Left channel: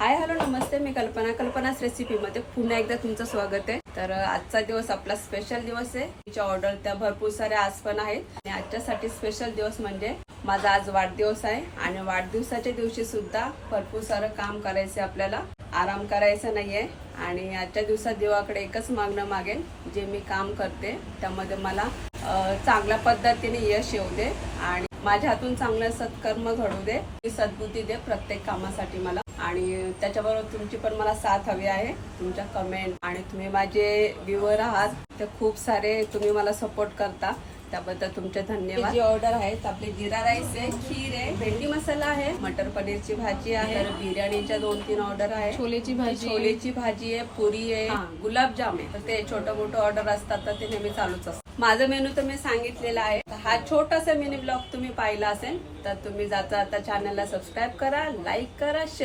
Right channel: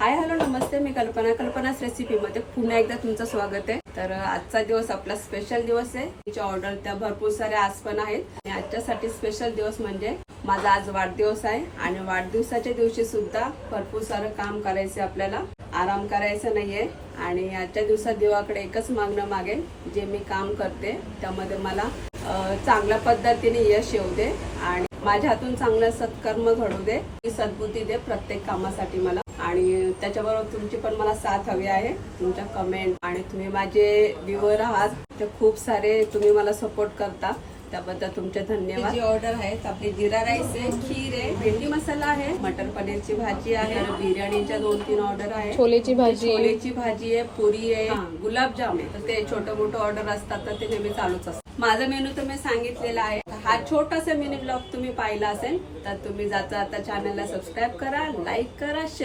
Hi hello नमस्ते, मी कल्पनाच रेसिपीमध्ये पुन्हा एकदा तुमचं स्वागत आहे। तर आजचा दिवस आपला स्पेशल दिवस आहे। तिच्या ऑर्डर त्या भरपूर साऱ्या आज पण आहेत आणि आजच्यासाठी स्पेशल दिवस म्हणजे माझा आज वाढदिवस आहे आणि वाढदिवसाच्या दिवशी सुद्धा भरपूर सारं काम करायचं आपल्याला, आराम करायचा नाहीये। आणि आजच्या दिवसात देवाकडे एकच मागणं मागेन, जे मी काम करते त्यामध्ये मला चांगल्या पद्धतीने यश येऊ दे आणि माझ्या हातून चांगलं सत्कर्म घडू दे, सद्बुद्धी दे प्रत्येक कामासाठी मला। आणि त्याच्याबरोबर तुमची पण मला साथ हवी आहे, तुमच्या कमेंट आणि तुम्ही माझे व्ह्यूअर आहात, ते खूप सारे तुम्ही मला सपोर्ट करता, त्याबद्दल तुमचे धन्यवाद। जी ऑर्डर आहेत आपली जिरा राईस आहे, खीर आहे, भेंडी मसाला आहे, मटर पनीरची भाजी आहे, बिर्याणीच्या 2-3 ऑर्डर आहे, छोलेची भाजी आहे, पुरी आहे, गुलाबजाम आहे। तर ते छोटं मोठं ऑर्डर असतात तर ते नेहमी चालूच असतं। माझा मेनू तर मी सांगितलेला आहे। हा छोटासा मिनी ब्लॉग तुम्ही पाहिला असेल तर तुम्ही जाता चॅनलला सबस्क्राईब करा, लाईक करा, शेअर